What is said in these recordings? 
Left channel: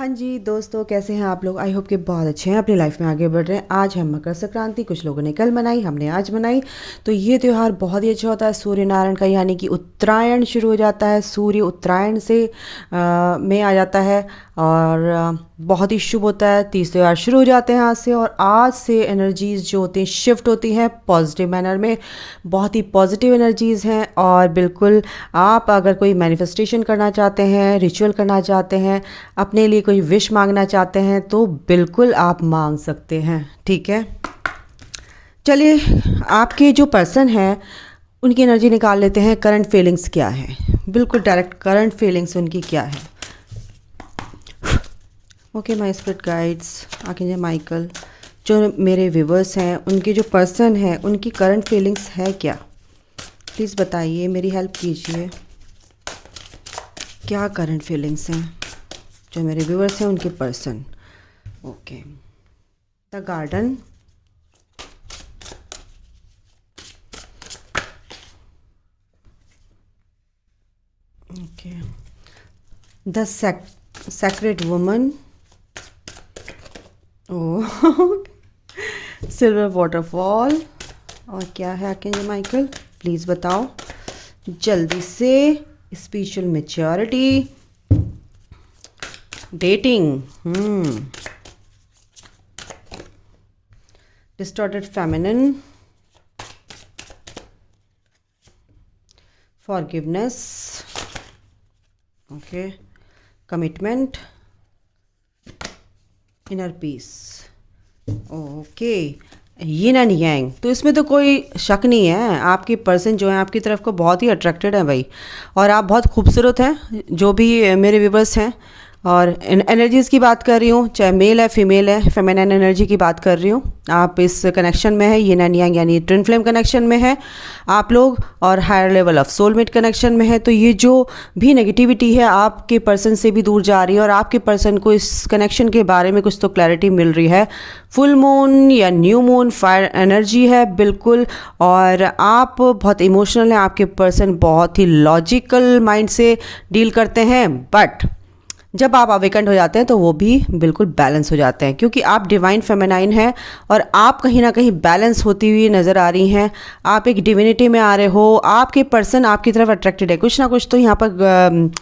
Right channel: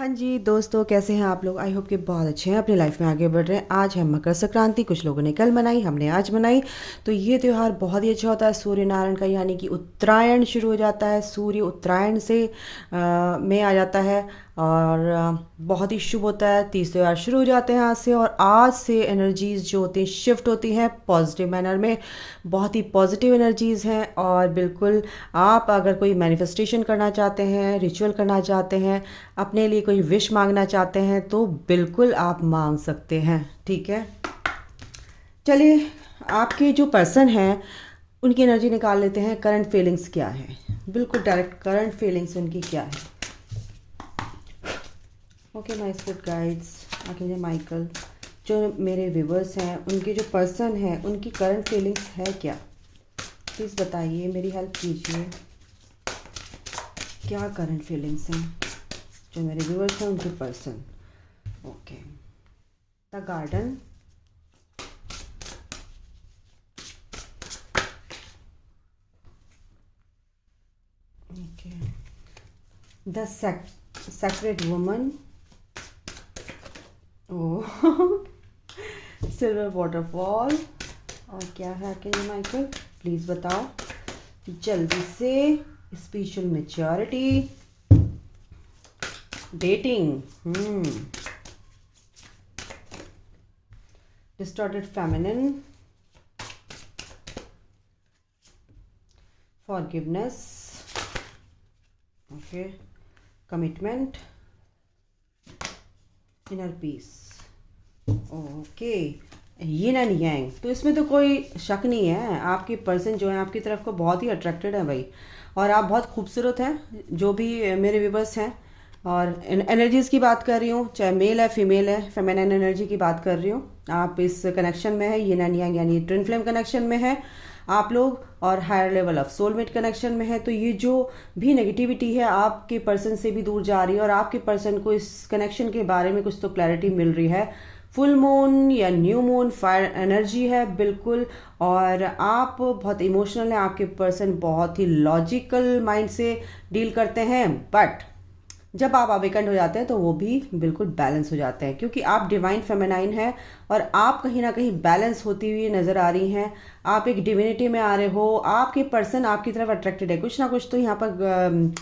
हाँ जी दोस्तों, कैसे हैं आप लोग। आई होप कि बहुत अच्छे हैं, अपनी लाइफ में आगे बढ़ रहे हैं। आज है मकर संक्रांति, कुछ लोगों ने कल मनाई, हमने आज मनाई। तो ये त्यौहार बहुत ही अच्छा होता है सूर्य नारायण का, यानी कि उत्तरायण शुरू हो जाता है। सूर्य उत्तरायण से में आ जाता है और बहुत ही शुभ होता है। तीज त्यौहार शुरू हो जाते हैं आज से, और आज से एनर्जीज़ जो होती हैं शिफ्ट होती हैं पॉजिटिव मैनर में। बहुत ही पॉजिटिव एनर्जीज़ हैं। और बिल्कुल आप अगर कोई मैनिफेस्टेशन करना चाहते हैं, रिचुअल करना चाहते हैं, अपने लिए कोई विश मांगना चाहते हैं, तो बिल्कुल आप मांग सकते हैं। ठीक है, चलिए आपके जो पर्सन हैं उनकी एनर्जी निकाल लेते हैं। करंट फीलिंग्स क्या है, बिल्कुल डायरेक्ट करंट फीलिंग्स उनकी क्या है। ओके माय स्पिरिट गाइड्स, आके माइकल, जो मेरे व्यूवर्स हैं उनके जो पर्सन हैं उनकी करंट फीलिंग्स है क्या, प्लीज़ बताइए, मेरी हेल्प कीजिए। क्या करंट फीलिंग्स हैं जो मेरे व्यूवर्स हैं उनके person. Okay, the garden, okay, the sacred woman, oh silver waterfall, और क्या है आर्कएंजल माइकल, प्लीज़ बताओ जल्दी से। Spiritual maturity, dating, distorted feminine, forgiveness, okay, commitment, inner peace. Okay, yin and yang, तो इसमें तो कोई शक नहीं है, आपकी पर्सन जो है आपकी तरफ को बहुत ही अट्रैक्टेड है भाई। और आप बहुत खूबसूरत हैं, जो भी मेरे व्यूवर्स हैं। और एनर्जीज़ की बात कर रही हूँ, चाहे मेल है फीमेल है, फेमिनिन एनर्जी की बात कर रही हूँ। आप इस कनेक्शन में है, यिन एंड यांग यानी ट्विन फ्लेम कनेक्शन में है आप लोग, और higher level of soulmate connection में है। तो ये जो भी नेगेटिविटी है आपके पर्सन से भी दूर जा रही है, और आपके पर्सन को इस कनेक्शन के बारे में कुछ तो क्लैरिटी मिल रही है। फुल मून या न्यू मून फायर एनर्जी है बिल्कुल। और आप बहुत इमोशनल हैं, आपके पर्सन बहुत ही लॉजिकल माइंड से डील करते हैं, बट जब आप अवेकेंड हो जाते हैं तो वो भी बिल्कुल बैलेंस हो जाते हैं, क्योंकि आप डिवाइन फेमिनाइन हैं और आप कहीं ना कहीं बैलेंस होती हुई नज़र आ रही हैं। आप एक डिविनिटी में आ रहे हो, आपके पर्सन आपकी तरफ अट्रैक्टेड है। कुछ ना कुछ तो यहाँ पर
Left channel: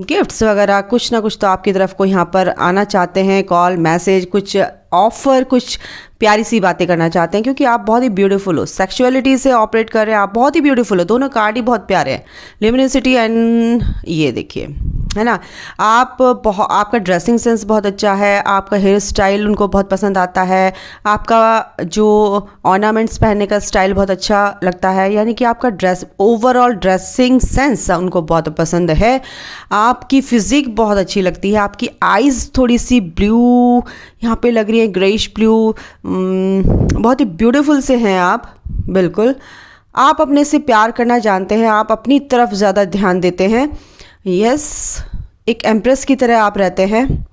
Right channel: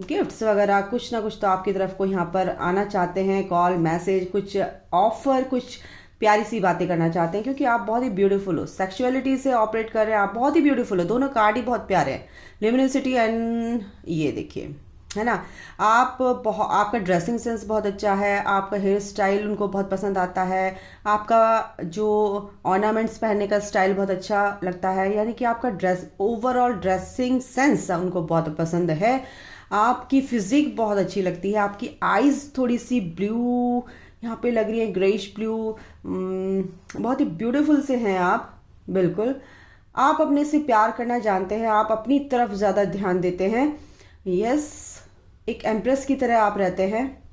गिफ्ट्स वगैरह, कुछ ना कुछ तो आपकी तरफ को यहाँ पर आना चाहते हैं, कॉल मैसेज, कुछ ऑफर, कुछ प्यारी सी बातें करना चाहते हैं, क्योंकि आप बहुत ही ब्यूटीफुल हो, सेक्सुअलिटी से ऑपरेट कर रहे हैं, आप बहुत ही ब्यूटीफुल हो। दोनों कार्ड ही बहुत प्यारे हैं, लिमिनिसिटी एंड ये देखिए, है ना। आपका ड्रेसिंग सेंस बहुत अच्छा है, आपका हेयर स्टाइल उनको बहुत पसंद आता है, आपका जो ऑर्नामेंट्स पहनने का स्टाइल बहुत अच्छा लगता है, यानी कि आपका ओवरऑल ड्रेसिंग सेंस उनको बहुत पसंद है। आपकी फिजिक बहुत अच्छी लगती है, आपकी आईज़ थोड़ी सी ब्लू यहाँ पे लग रही है, ग्रेइश ब्लू, बहुत ही ब्यूटीफुल से हैं आप बिल्कुल। आप अपने से प्यार करना जानते हैं, आप अपनी तरफ ज़्यादा ध्यान देते हैं। यस, एक एम्प्रेस की तरह आप रहते हैं,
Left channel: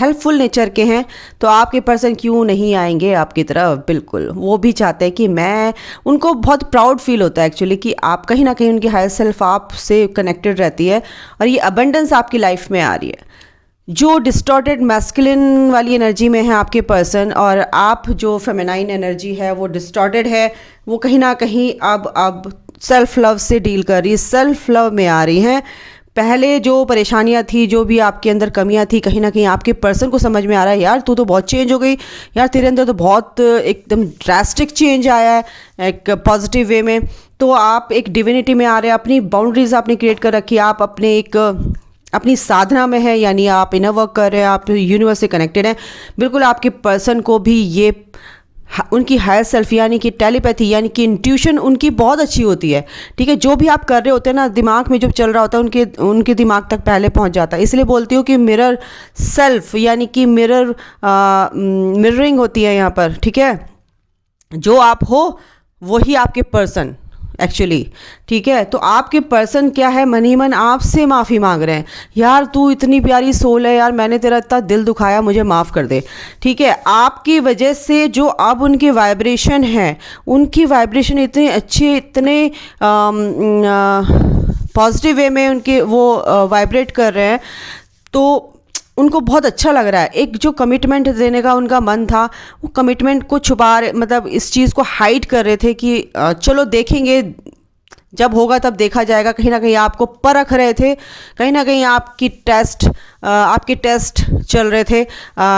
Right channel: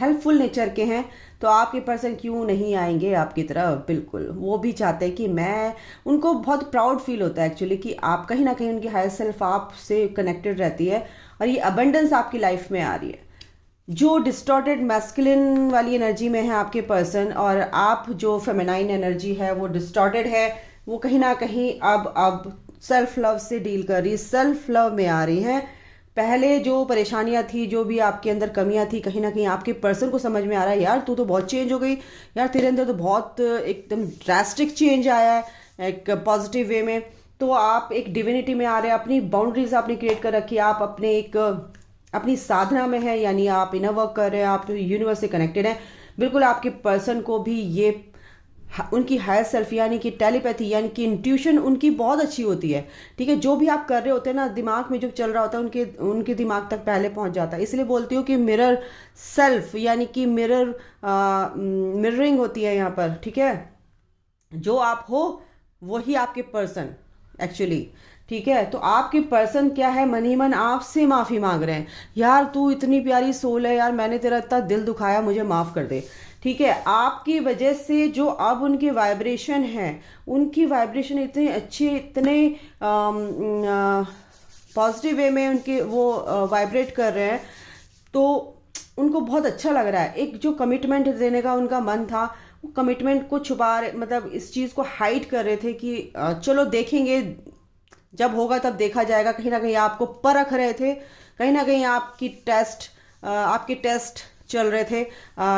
हेल्पफुल नेचर के हैं। तो आपके पर्सन क्यों नहीं आएंगे आपकी तरफ, बिल्कुल वो भी चाहते हैं कि मैं, उनको बहुत प्राउड फील होता है एक्चुअली कि आप कहीं ना कहीं उनकी हायर सेल्फ आप से कनेक्टेड रहती है, और ये अबंडेंस आपकी लाइफ में आ रही है। जो डिस्टॉर्टेड मैस्कुलिन वाली एनर्जी में है आपके पर्सन, और आप जो फेमिनाइन एनर्जी है वो डिस्टॉर्टेड है, वो कहीं ना कहीं अब सेल्फ लव से डील कर रही है, सेल्फ लव में आ रही हैं। पहले जो परेशानियां थी, जो भी आपके अंदर कमियां थी, कहीं ना कहीं आपके पर्सन को समझ में आ रहा है, यार तू तो बहुत चेंज हो गई, यार तेरे अंदर तो बहुत एकदम ड्रास्टिक चेंज आया है एक पॉजिटिव वे में। तो आप एक डिविनिटी में आ रहे हैं, अपनी बाउंड्रीज आपने क्रिएट कर रखी है, आप अपने एक अपनी साधना में है, यानी आप इनर वर्क कर रहे हैं, आप यूनिवर्स से कनेक्टेड हैं। बिल्कुल आपके पर्सन को भी ये उनकी हायर सेल्फ यानी कि टेलीपैथी यानी कि इंट्यूशन उनकी बहुत अच्छी होती है। ठीक है, जो भी आप कर रहे होते हैं ना, दिमाग में जो चल रहा होता है उनके दिमाग तक पहले पहुंच जाता है। इसलिए बोलती हूँ कि मिरर सेल्फ यानी कि मिररिंग होती है यहाँ पर। ठीक है, जो आप हो वही आपके पर्सन एक्चुअली। ठीक है, तो आपके पर्सन क्या है, मन ही मन आपसे माफ़ी मांग रहे हैं, यार तू इतनी प्यारी सोल है, यार मैंने तेरा इतना दिल दुखाया, मुझे माफ़ कर दे। ठीक है, आपकी वजह से जो अब उनके वाइब्रेशन है, उनकी वाइब्रेशन इतने अच्छे, इतने पॉजिटिव वे में उनके वो वाइब्रेट कर रहे हैं, तो उनको बहुत अच्छा लग रहा है, एक जो कमिटमेंट देने का उनका मन था, वो कमिटमेंट को छुपा रहे, मतलब इस चीज़ को हाइड कर रहे थे कि चलो देखेंगे, जब होगा तब देखा जाएगा। कहीं ना कहीं आपको परख रहे थे, कहीं ना कहीं आपके टेस्ट चल रहे थे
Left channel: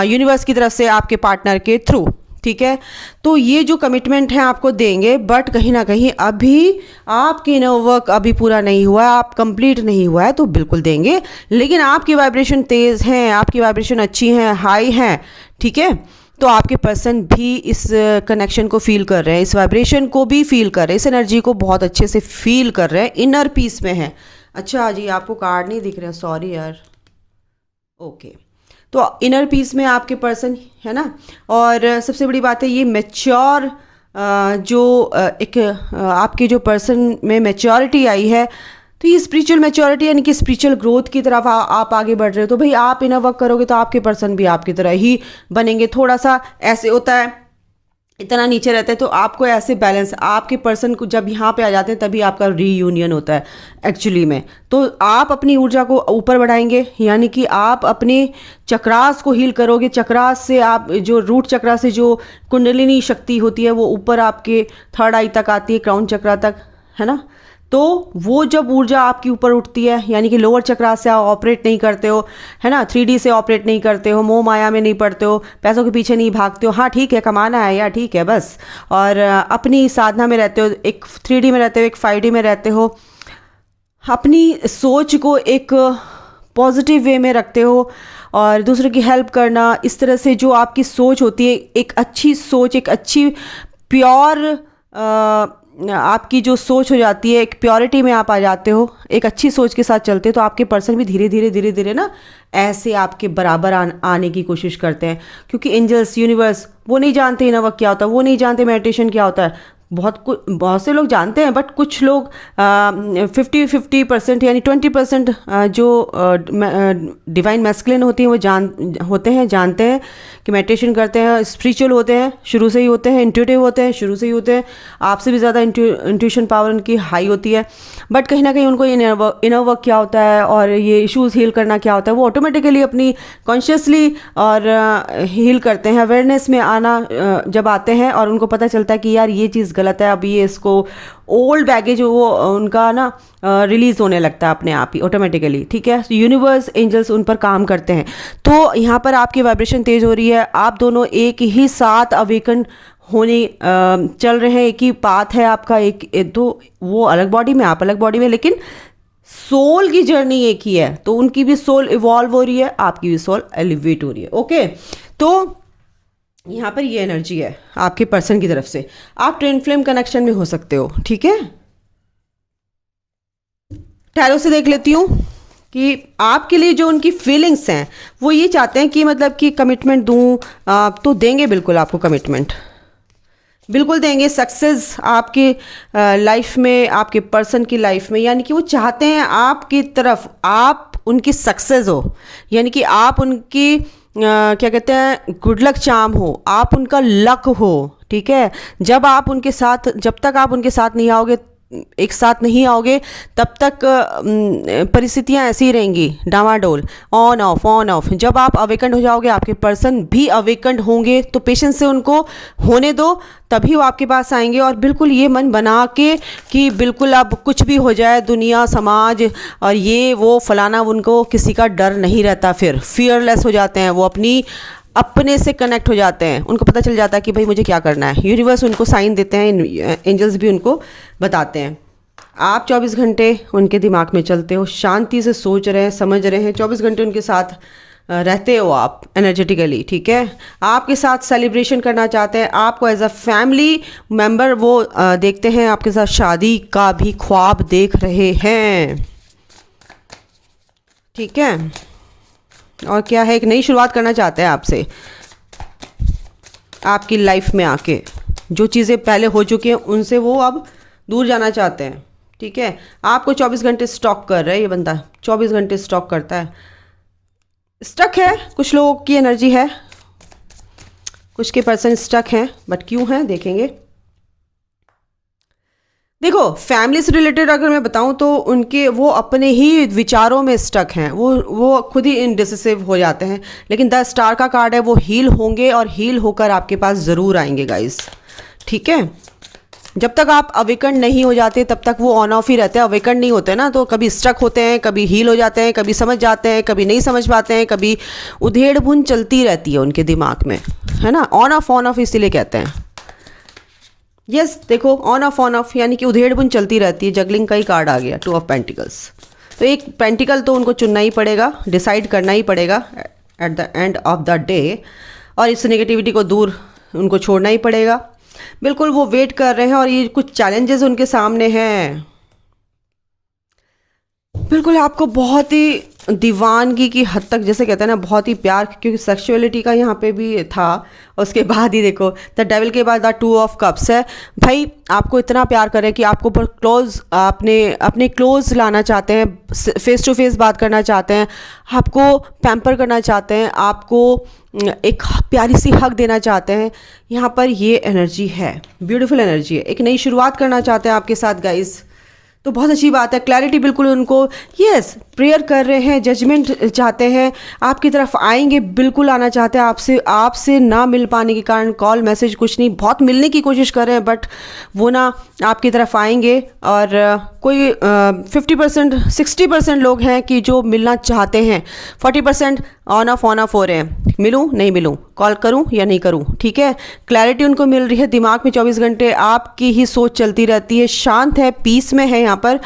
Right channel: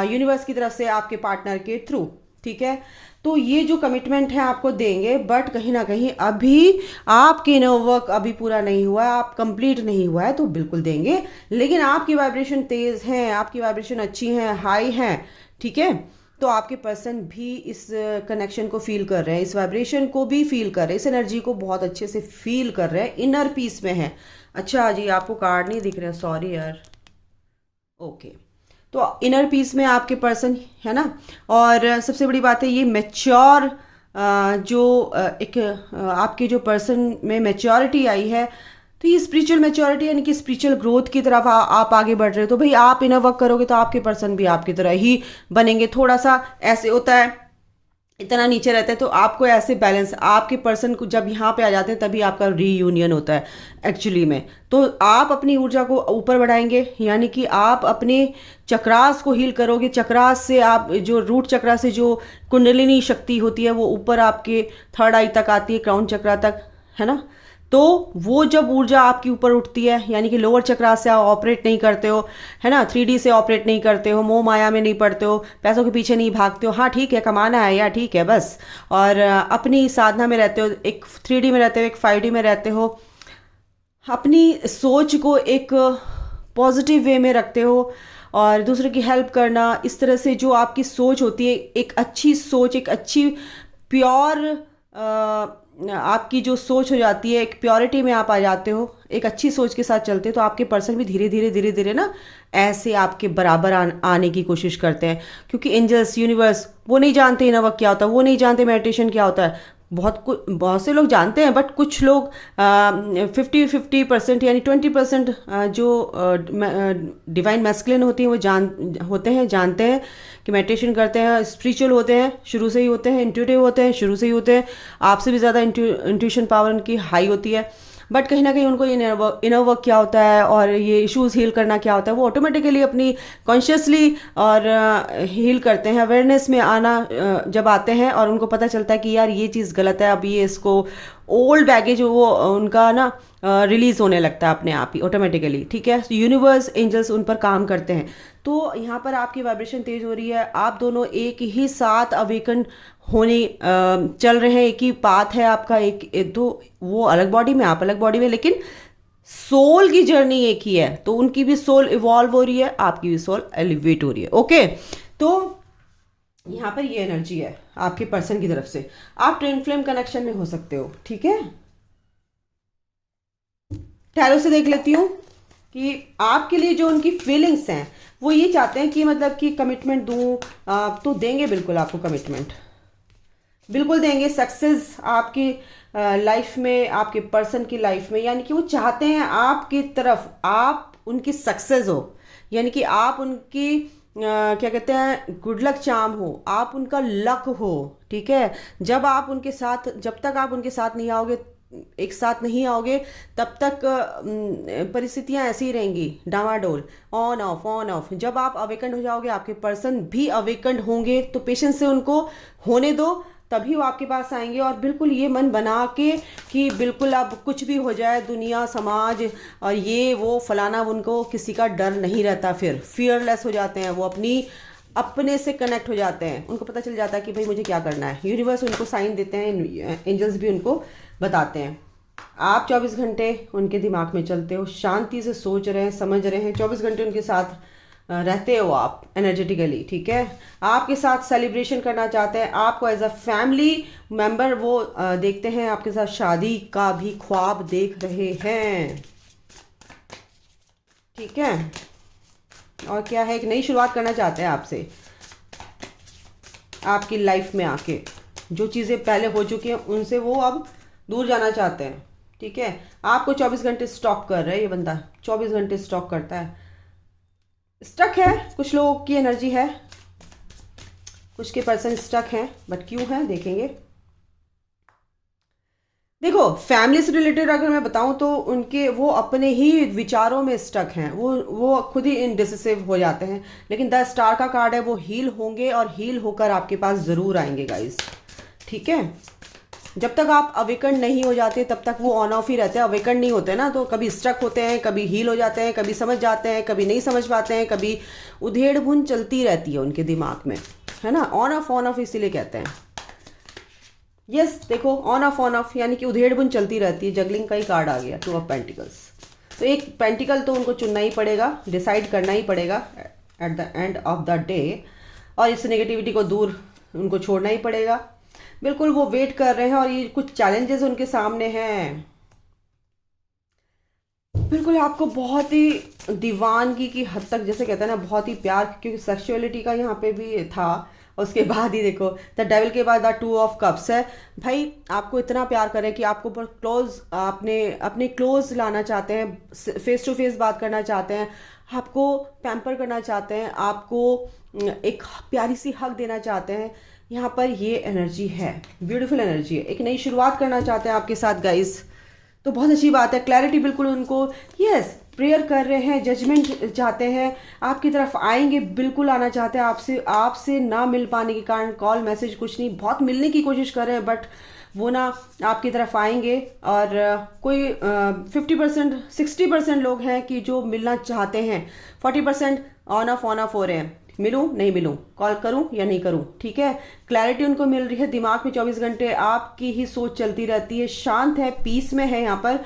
यूनिवर्स की तरफ से आपके पार्टनर के थ्रू। ठीक है, तो ये जो कमिटमेंट है आपको देंगे, बट कहीं ना कहीं अभी आपके इनर वर्क अभी पूरा नहीं हुआ है, आप कंप्लीट नहीं हुआ है, तो बिल्कुल देंगे। लेकिन आपकी वाइब्रेशन तेज़ हैं, आपकी वाइब्रेशन अच्छी हैं, हाई हैं, ठीक है, तो आपके पर्सन भी इस कनेक्शन को फील कर रहे हैं, इस वाइब्रेशन को भी फील कर रहे हैं, इस एनर्जी को बहुत अच्छे से फील कर रहे हैं, इनर पीस में हैं। अच्छा जी, आपको कार्ड नहीं दिख रहा, सॉरी यार। ओके, तो इनर पीस में आपके पर्सन है ना। और सबसे बड़ी बात है ये मैच्योर, आपके जो पर्सन में मैच्योरिटी आई है, तो ये स्पिरिचुअल मैच्योरिटी यानी कि स्पिरिचुअल ग्रोथ की तरफ आप आगे बढ़ रहे हो। तो भाई आप इनर वर्क करोगे तो आपके पर्सन भी आपकी तरह ही बनेंगे। थोड़ा सा ऐसे होता है, इतना नीचे रहता है, तो आपको ऐसे बैलेंस, आपके पर्सन को जब यहाँ पे आ जाते हैं तभी आपका रीयूनियन होता है एक्चुअली में। तो आप अपनी ऊर्जा को ऊपर बढ़ाएंगे, यानी कि आप अपने चक्रास को हील करोगे। चक्रास से आप जो रूट चक्रा से जो कुंडलिनी शक्ति होती है वो ऊपर आपके थर्ड आई तक आती है, क्राउन चक्रा तक, है ना। तो वो जब ऊर्जा आपकी ऊपर उठती है, यानी कि लोअर चक्रा से आप ऑपरेट नहीं करते हो, है ना, 3D से ऑपरेट नहीं करते हो, मोह माया में नहीं पड़ते हो, पैसों के पीछे नहीं भागते हो। हाँ ठीक है, कमाना है यार, ठीक है बस, और अपनी साधना में रहते हो, एक 3D में रहते हो, एक 5D में रहते हो, अपनी सोच को एक पॉजिटिव वे में रखते हो और दूसरों की हेल्प करना, इस तरह से जो आपकी सोच होती है, एक अच्छी सोच, एक अच्छी प्योर आपकी जो सोच हो जाती है, एक प्योरिटी में आप आ जाते हो, एक अच्छी सोच के साथ चलते हो, तो आपके पर्सन भी धीरे धीरे धीरे धीरे ना ऐसे आपके बराबर आने की कोशिश करते हैं। क्योंकि एंजल्स, यूनिवर्स, वो नहीं जानते इनर वर्क क्या होता है, वो नहीं जानते मेडिटेशन क्या होता है। बहुत से लोग जानते हैं, बट कुछ लोग 50% यानी 20% जो डिवाइन मैस्कुलिन होती हैं वो जानते हैं कि मेडिटेशन करते हैं, स्पिरिचुअल होते हैं, शुरू से ही होते हैं, इंट्यूटिव होते हैं, शुरू से ही होते हैं, आपसे भी ज़्यादा इंट्यूशन पावर उनकी हाई होती है। बट कहीं ना कहीं उनको ये इनर वर्क क्या होता है और ये इश्यूज़ हील करना क्या होता है, वो ऑटोमेटिकली अपनी कॉन्शियसली और हील करते हैं। अवेयरनेस में आना जब आते हैं और उनको पता चलता है कि यार ये चीज़ गलत है, अब ये इसको ओल्ड बैगेज वो उनका ना रिलीज़ होने लगता है अपने आप ही ऑटोमेटिकली। ठीक है, यूनिवर्स, एंजल्स उन पर काम करते हैं। तो यहाँ पर आपकी वाइब्रेशन तेज़ हो रही है, आप दोनों एक ही साथ अवेकन होने चल रहे हैं, एक ही पाथ है आपका, एक तो वो अलग बॉडी में, आप अलग बॉडी में, लेकिन सोल की जर्नी एक ही है। तो उनकी भी सोल इवॉल्व हो रही है, आपकी भी सोल एलिवेट हो रही है। ओके, तो यहाँ पर ये एनर्जी है आपके पर्सन की तरफ से। आप ट्विन फ्लेम कनेक्शन में हो सकते हो। ठीक है, टैरो से देख लेती हूँ कि आपके लिए जो उनकी फीलिंग्स हैं वो ये चाहते हैं कि मतलब कि कमिटमेंट दूँ, तो देंगे, बिल्कुल आपको कमिटमेंट बिल्कुल देंगे। सक्सेस आपके लाइफ में, आपके पर्सन की लाइफ में, यानी कि वो चाहते हैं आपकी तरफ आप उनकी सक्सेस हो, यानी कि आप उनकी क्या कहते हैं, गुड लक चार्म हो, आप उनका लक हो। ठीक है, जब तक आप उनके साथ नहीं आओगे, एक साथ नहीं आओगे, तब तक परिस्थितियां ऐसी ही रहेंगी, डामाडोल, ऑन ऑफ। जब आप अवेकंड हो जाओगे, आपके पर्सन भी अवेकंड होंगे, तो पेशेंस से उनको होने दो, तभी वो आपके पास आएंगे। और बिल्कुल ये मन बना के कि बिल्कुल अब कुछ भी हो जाए, दुनिया, समाज और ये वो फलाना, उनको किसी का डर नहीं रहता, फिर फियरलेस हो जाते हैं, वो अपने से कनेक्ट हो जाते हैं। उनको पता चल जाता है कि भाई मुझे क्या करना है। यूनिवर्स उनको साइन देते हैं, एंजल्स भी उनको बताते हैं। आप 24 घंटे उनके दिमाग में चलते हो, शांति से सोच रहे हैं, समझ रहे हैं, 24 घंटे उनके साथ रहते हो आप एनर्जेटिकली। ठीक है, आपके साथ सेलिब्रेशन करना चाहते हैं, आपको एज अ फैमिली मेम्बर वो देखते हैं, आपके साथ शादी का भी ख्वाब देख रहे हैं। ठीक है, और क्या है, एक नई शुरुआत करना चाहते हैं आपसे, आपकी लाइफ में आके जो चीज़ें पहले हो चुकी हैं उनसे वो अब दूर जाना चाहते हैं। ठीक है, आपको 24 घंटे स्टॉक कर रहा है ये बंदा, 24 घंटे स्टॉक करता है, स्टक है। कुछ लोगों की एनर्जी है, कुछ के पर्सन स्टक हैं, बट क्यों हैं देखेंगे। देखो, फैमिली से रिलेटेड अगर मैं बताऊं तो उनके वो अपने ही विचारों में स्टक हैं, वो खुद ही इनडिसिसिव हो जाते हैं। लेकिन 10 स्टार का कार्ड है, वो हील होंगे और हील होकर आपके पास ज़रूर आएंगे गाइस। ठीक है, जब तक आप अवेकन नहीं हो जाते तब तक वो ऑन ऑफ ही रहते हैं। अवेकन नहीं होते ना तो कभी स्टक होते हैं, कभी हील हो जाते हैं, कभी समझ जाते हैं, कभी नहीं समझ पाते हैं, कभी उधेड़ बुन चलती रहती है उनके दिमाग में, है ना। ऑन ऑफ इसीलिए कहते हैं। यस देखो, ऑन ऑफ यानी कि उधेड़ बुन चलती रहती है। जगलिंग का ही कार्ड आ गया, 2 ऑफ पेंटिकल्स। तो एक पेंटिकल तो उनको चुनना ही पड़ेगा, डिसाइड करना ही पड़ेगा at the end of the day, और इस नेगेटिविटी को दूर उनको छोड़ना ही पड़ेगा। बिल्कुल वो वेट कर रहे हैं और ये कुछ चैलेंजेस उनके सामने हैं। बिल्कुल आपको बहुत ही दीवानगी की हद तक, जैसे कहते हैं ना, बहुत ही प्यार, क्योंकि सेक्सुअलिटी का यहाँ पे भी था। उसके बाद ही देखो द डेविल के बाद द 2 ऑफ कप्स है। भाई आपको इतना प्यार करें कि आपको ऊपर क्लोज, अपने क्लोज लाना चाहते हैं, फेस टू फेस बात करना चाहते हैं, आपको पैम्पर करना चाहते हैं, आपको एक प्यारी सी हक देना चाहते हैं। यहाँ पर ये एनर्जी है, ब्यूटीफुल एनर्जी है। एक नई शुरुआत करना चाहते हैं आपके साथ गाइस, तो बहुत अच्छी बात है। क्लैरिटी बिल्कुल उनको, यस प्रेयर कर रहे हैं, जजमेंट चाहते हैं, आपकी तरफ आएंगे, बिल्कुल आना चाहते हैं। आपसे ना मिल पाने के कारण कॉल मैसेज कुछ नहीं, बहुत मिलने की कोशिश कर रहे हैं, बट वो ना आपकी तरफ आएंगे। और कोई 50% 60% लोग हैं कि जो मिलना चाहते हैं, 40% ऑन ऑफ हो रहे हैं। मिलूं नहीं मिलूं, कॉल करूं या नहीं करूं, ठीक है। क्लैरिटी उनको मिल रही है, दिमाग में 24 घंटे आपकी ही सोच चलती रहती है, शांत है, पीस में है। यहाँ पर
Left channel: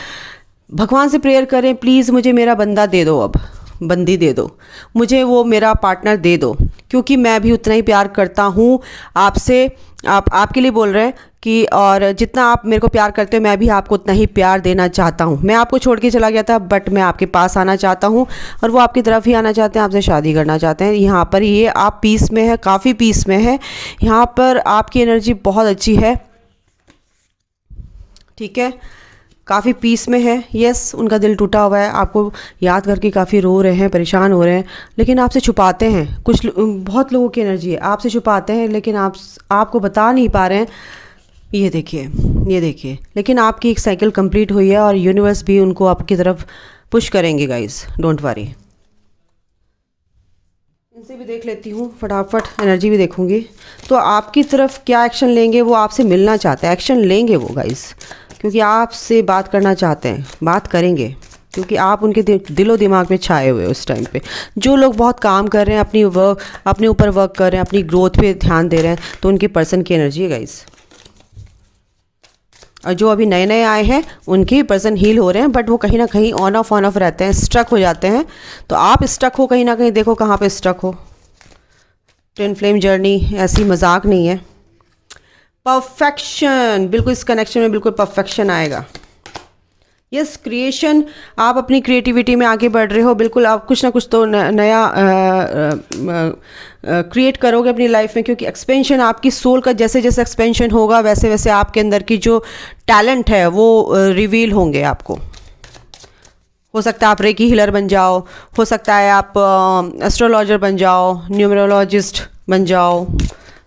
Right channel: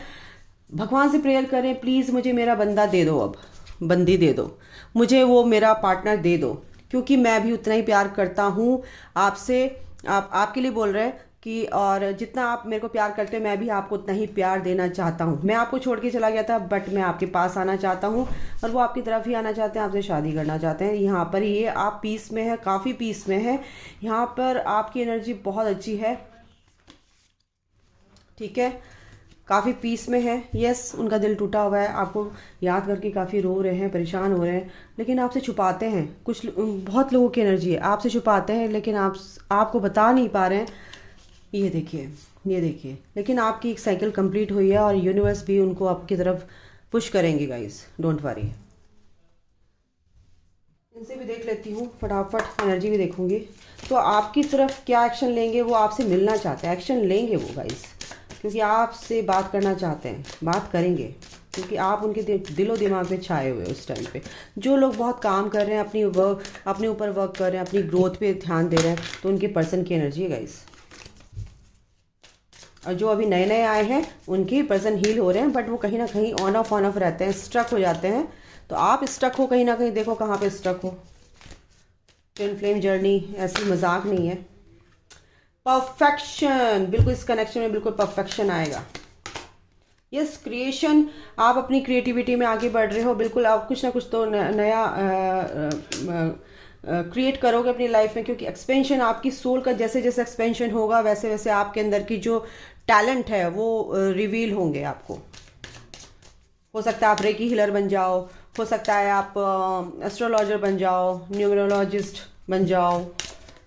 भगवान से प्रेयर करें, प्लीज़ मुझे मेरा बंदा दे दो, अब बंदी दे दो, मुझे वो मेरा पार्टनर दे दो, क्योंकि मैं भी उतना ही प्यार करता हूँ आपसे। आपके लिए बोल रहे हैं कि और जितना आप मेरे को प्यार करते हो, मैं भी आपको उतना ही प्यार देना चाहता हूँ। मैं आपको छोड़ के चला गया था, बट मैं आपके पास आना चाहता हूँ, और वो आपकी तरफ ही आना चाहते हैं, आपसे शादी करना चाहते हैं। यहाँ पर ये आप पीस में है, काफ़ी पीस में है। यहाँ पर आपकी एनर्जी बहुत अच्छी है, ठीक है, काफ़ी पीस में है। यस उनका दिल टूटा हुआ है, आपको याद करके काफ़ी रो रहे हैं, परेशान हो रहे हैं, लेकिन आपसे छुपाते हैं। बहुत लोगों की एनर्जी है, आपसे छुपाते हैं, लेकिन आपको बता नहीं पा रहे हैं। ये देखिए, ये देखिए, लेकिन आपकी एक साइकिल कंप्लीट हुई है और यूनिवर्स भी उनको आपकी तरफ पुश करेंगे गाइस, डोंट वरी। इनसे भी देख लेती हूँ फटाफट, एनर्जी भी देखूंगी। तो आपकी तरफ क्या एक्शन लेंगे, वो आपसे मिलना चाहते हैं, एक्शन लेंगे वो गाइस, क्योंकि आपसे बात करना चाहते हैं, बात करेंगे, क्योंकि आप उनके दिलो दिमाग में छाए हुए हो उस टाइम पे। जो लोग बहुत काम कर रहे हैं, अपने ऊपर वर्क कर रहे हैं, अपनी ग्रोथ पे ध्यान दे रहे हैं, तो उनके पर्सन की एनर्जी है गाइस। और जो अभी नए नए आए हैं उनके पर्सन हील हो रहे हैं, बट वो कहीं ना कहीं ऑन ऑफ रहते हैं, स्ट्रक हो जाते हैं। तो आप स्ट्रक हो कहीं ना कहीं, देखो कहाँ पे स्ट्रक हो। ट्विन फ्लेम जर्नी ऐसी मजाक नहीं है। परफेक्शन, बिल्कुल इस कनेक्शन में बिल्कुल परफेक्शन आएगा। यस क्रिएशन, आप अपनी क्रिएटिविटी में आगे बढ़ रहे हो, बिल्कुल आप कुछ ना कुछ तो नया क्रिएट करोगे अपनी लाइफ में, क्योंकि एक्सपेंशन आपकी सोल का जैसे जैसे एक्सपेंशन होगा, वैसे वैसे आपके अंदर की जो टैलेंट है वो रिवील होंगे आपको। हो सकता है आप रेकी हीलर बन जाओ, हो सकता है आप एस्ट्रोलॉजर बन जाओ, न्यूमरोलॉजिस्ट बन जाओ,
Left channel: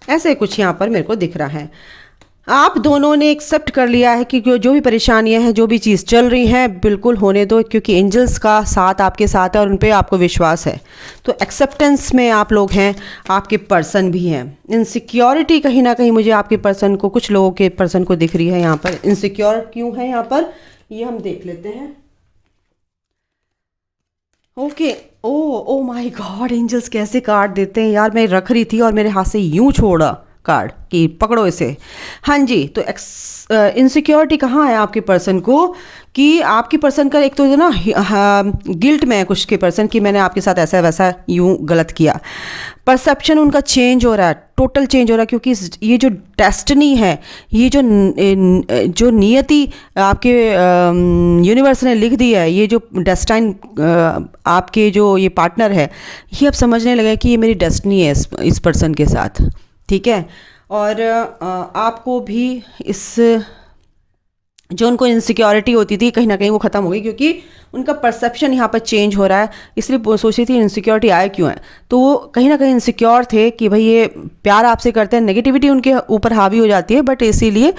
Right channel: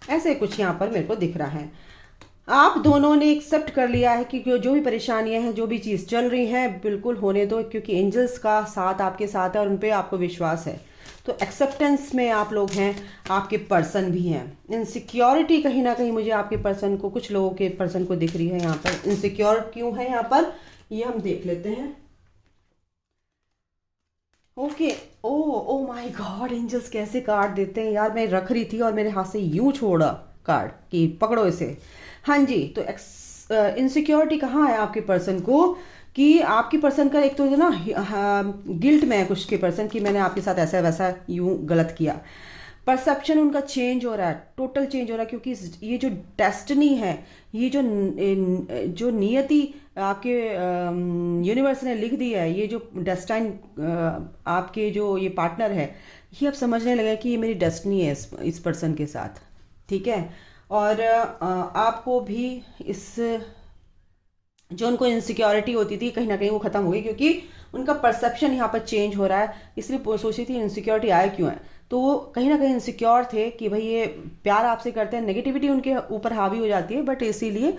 ऐसे कुछ यहाँ पर मेरे को दिख रहा है। आप दोनों ने एक्सेप्ट कर लिया है कि जो भी परेशानियां हैं, जो भी चीज़ चल रही है, बिल्कुल होने दो, क्योंकि एंजल्स का साथ आपके साथ है और उन पे आपको विश्वास है। तो एक्सेप्टेंस में आप लोग हैं, आपके पर्सन भी हैं। इनसिक्योरिटी कहीं ना कहीं मुझे आपके पर्सन को, कुछ लोगों के पर्सन को दिख रही है यहाँ पर। इनसिक्योर क्यों है यहाँ पर, ये हम देख लेते हैं। Okay, oh my God, angels कैसे कार्ड देते हैं यार। मैं रख रही थी और मेरे हाथ से यूं छोड़ा कार्ड कि पकड़ो इसे। हाँ जी, तो इनसिक्योरिटी कहाँ है आपके पर्सन को, कि आपके पर्सन का एक तो ना गिल्ट में है कुछ के पर्सन, कि मैंने आपके साथ ऐसा वैसा यूं गलत किया। परसेप्शन उनका चेंज हो रहा है, टोटल चेंज हो रहा है, क्योंकि ये जो डेस्टिनी है, ये जो नियति आपके यूनिवर्स ने लिख दी है, ये जो डेस्टाइन आपके जो ये पार्टनर है, ये अब समझने लगे कि ये मेरी डेस्टिनी है इस पर्सन के साथ, ठीक है। और आपको भी इस जो उनको इनसिक्योरिटी होती थी कहीं ना कहीं वो ख़त्म हो गई, क्योंकि उनका परसेप्शन यहाँ पर चेंज हो रहा है। इसलिए वो सोच रही थी इनसिक्योरिटी आए क्यों है, तो वो कहीं ना कहीं इनसिक्योर थे कि भाई ये प्यार आपसे करते हैं, नेगेटिविटी उनके ऊपर हावी हो जाती है, बट इसीलिए।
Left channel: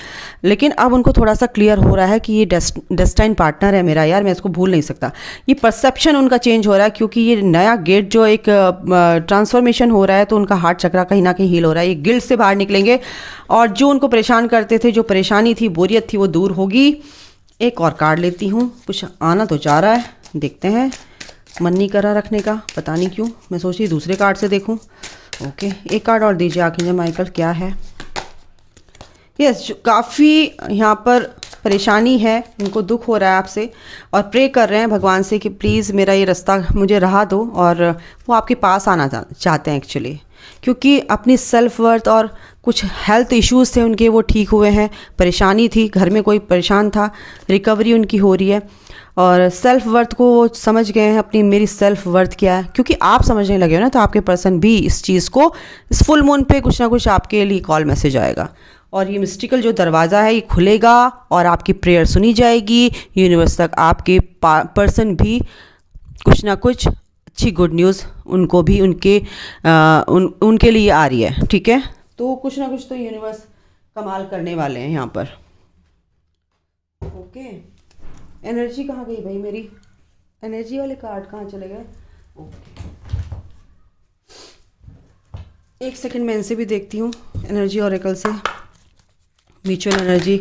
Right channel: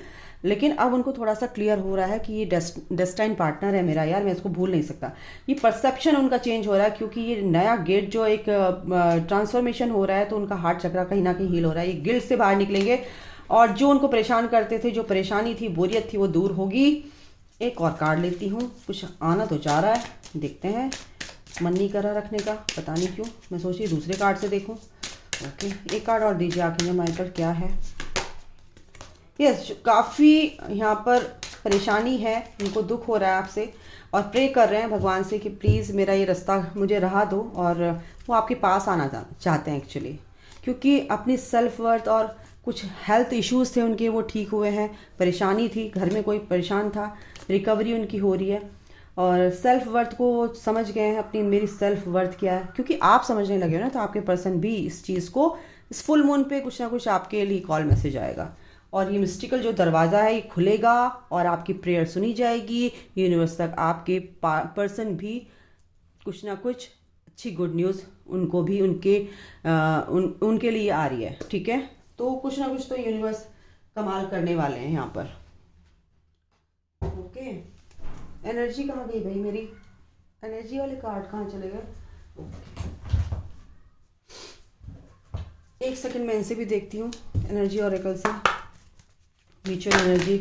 लेकिन अब उनको थोड़ा सा क्लियर हो रहा है कि ये डेस्टाइन पार्टनर है मेरा यार, मैं इसको भूल नहीं सकता। ये परसेप्शन उनका चेंज हो रहा है, क्योंकि ये नया गेट जो एक ट्रांसफॉर्मेशन हो रहा है, तो उनका हार्ट चक्रा कहीं ना कहीं हील हो रहा है, ये गिल्ट से बाहर निकलेंगे, और जो उनको परेशान करते थे, जो परेशानी थी, बोरियत थी, वो दूर होगी। एक और कार्ड लेती हूँ, कुछ आना तो चाह रहा है, देखते हैं। मन नहीं कर रहा रखने का, पता नहीं क्यों, मैं सोच रही दूसरे कार्ड से देखूँ। ओके, एक कार्ड और दीजिए आखिर माइकल, क्या है। यस, काफ़ी यहाँ पर परेशानी है, उनको दुख हो रहा है आपसे, और प्रे कर रहे हैं भगवान से कि प्लीज़ मेरा ये रास्ता मुझे राह दो, और वो आपके पास आना चाहते हैं एक्चुअली, क्योंकि अपनी सेल्फ वर्थ और कुछ हेल्थ इश्यूज़ थे उनके, वो ठीक हुए हैं। परेशानी थी, घर में कोई परेशान था, रिकवरी उनकी हो रही है, और सेल्फ वर्थ को वो समझ गए हैं अपनी, मेरी सेल्फ वर्थ क्या है, क्योंकि आप समझने लगे हो ना, तो आपके पर्सन भी इस चीज़ को, इस फुल मून पे कुछ ना कुछ आपके लिए कॉल मैसेज आएगा, और ये मिस्टिकल जो दरवाज़ा है ये खुलेगा, और आपकी प्रेयर सुनी जाएगी, यूनिवर्स तक आपके पर्सन भी कुछ ना कुछ अच्छी गुड न्यूज़ उनको भी उनके लिए आ रही है, ठीक है। तो कुछ ना कुछ तो यूनिवर्स कमाल करने वाले हैं यहाँ पर। ओके, एनर्जी कहाँ गई भाई मेरी, एनर्जी वाले कार्ड कहाँ चले गए। एक सेकंड मैं इनसे भी देखती हूँ, एनर्जी ऑरेकल से, mutual energy.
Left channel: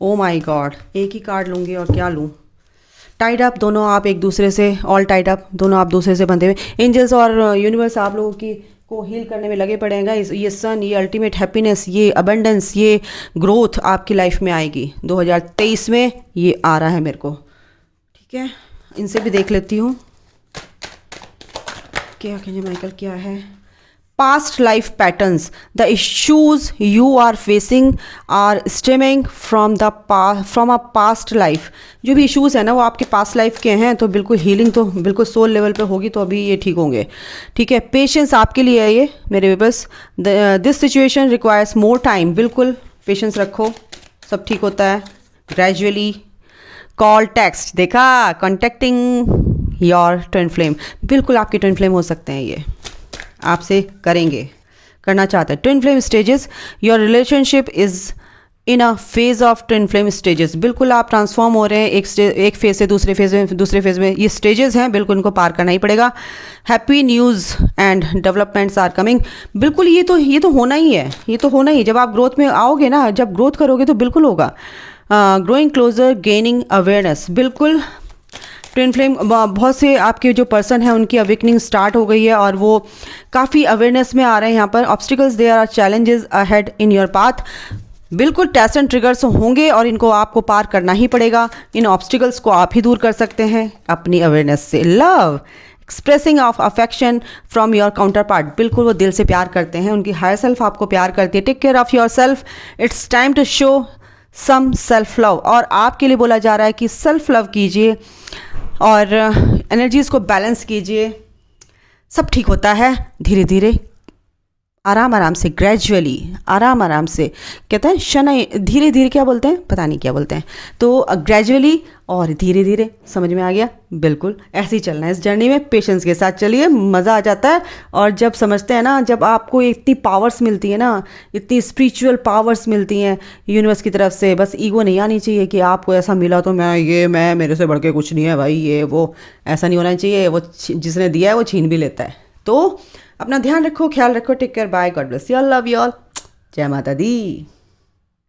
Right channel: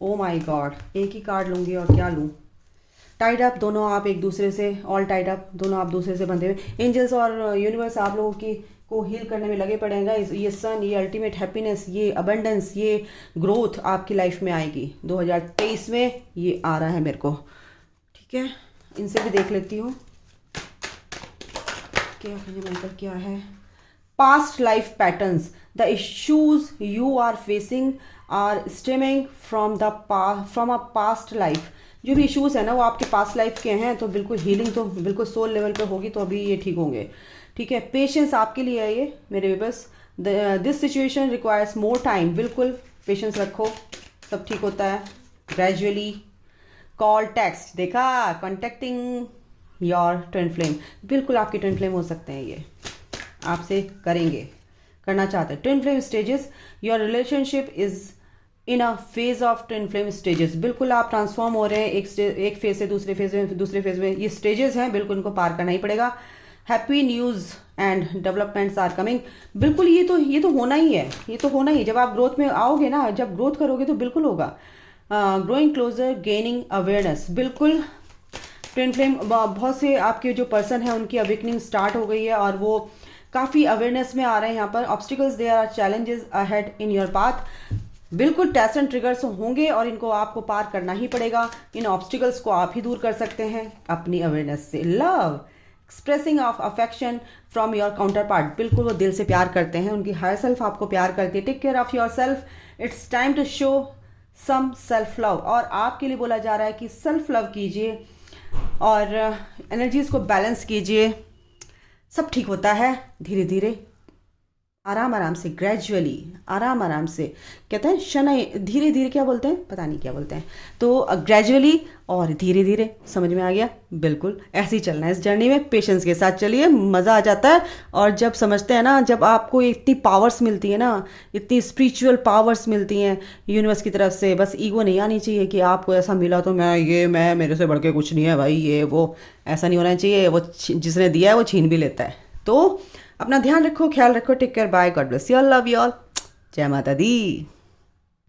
O my God, एक ही कार्ड लूँगी और क्या लूँ। टाइड अप, दोनों आप एक दूसरे से, ऑल टाइड अप, दोनों आप दूसरे से बंधे हुए। एंजल्स और यूनिवर्स आप लोगों की को हील करने में लगे पड़ेगा। ये सन, ये अल्टीमेट हैप्पीनेस, ये अबंडेंस, ये ग्रोथ आपकी लाइफ में आएगी 2023 में, ये आ रहा है मेरे को, ठीक है। इनसे भी देख लेती हूँ क्या कहिए माइकल, क्या है। Past life patterns, the issues you are facing are stemming from a past life। जो भी इश्यूज़ है ना वो आपके पास्ट लाइफ के हैं, तो बिल्कुल हीलिंग तो बिल्कुल सोल लेवल पे होगी, तो अभी ये ठीक होंगे, ठीक है। पेशेंस आपके लिए है ये मेरे viewers, this situation requires more time, बिल्कुल पेशेंस रखो, सब ठीक होता है ग्रेजुअली। कॉल टेक्स्ट देखा, कॉन्टेक्टिंग योर ट्विन फ्लेम, बिल्कुल आपके ट्विन फ्लेम हो सकते हैं, ये आपसे करना चाहते हैं। Twin flame stages, your relationship is in a phase of twin flame stages, बिल्कुल आप ट्रांसफॉर्म हो रहे हैं एक फेज से दूसरे फेज में, ये स्टेजेस हैं, बिल्कुल इनको पार करना ही पड़ेगा। Happy news and developments are coming, बिल्कुल ये तो होना ही है, ये तो होना ही, जब आप ग्रोथ में आओगे ना, जब ग्रोथ करोगे तो बिल्कुल होगा। ग्रोइंग क्लोजर, गेनिंग अवेयरनेस, बिल्कुल ट्विन फ्लेम, बहुत से आपके जो पर्सन हैं उनकी अवेकनिंग स्टार्ट हो गई है, और वो काफ़ी अवेयरनेस में आ रहे हैं यहाँ पर। Obstacles, there are challenges ahead in your path, बिल्कुल टेस्ट एंड ट्रिगर्स होंगे, और इनको आपको पार करना ही पड़ेगा। इन ऑब्स्टिकल्स को आप ही दूर कर सकते हैं अपनी अवेयरनेस से। Love, expressing of affection from your counter part, बिल्कुल वो दिल से प्यार करते हैं, उनकी हायर सेल्फ आपको प्यार करती है। Take care of yourself, it's time to show some self love, और आपके लिए बोला जा रहा है कि सेल्फ लव कीजिए और एनर्जीज़ को बैलेंस कीजिए, सब ठीक होता है धीरे धीरे, आराम आराम से, ग्रेजुअली, आराम से, कहते हैं शनै, धीरे धीरे, क्या बोलते हैं पता नहीं क्या बोलते हैं, तो ग्रेजुअली और धीरे धीरे, समझ में आ गया। बिल्कुल ऐसे ही चलना है इस जर्नी में, पेशेंस के साथ चलिए, मज़ा आ जाता है। और जब समझते हैं ना, जब आपको इतनी पावर्स मिलती है ना, इतनी स्पिरिचुअल पावर्स मिलती हैं यूनिवर्स की तरफ से, बस ईगो नहीं आनी चाहिए कि आपको ऐसा मिला तो मैं मेरे से बढ़ के कुछ नहीं है भाई, ये वो, ऐसा नहीं होना चाहिए। वो जिसने दिया है वो छीन भी लेता है। तो अपना ध्यान रखो, ख्याल रखो, take care, bye, God bless you all, love you all, जय माता दी।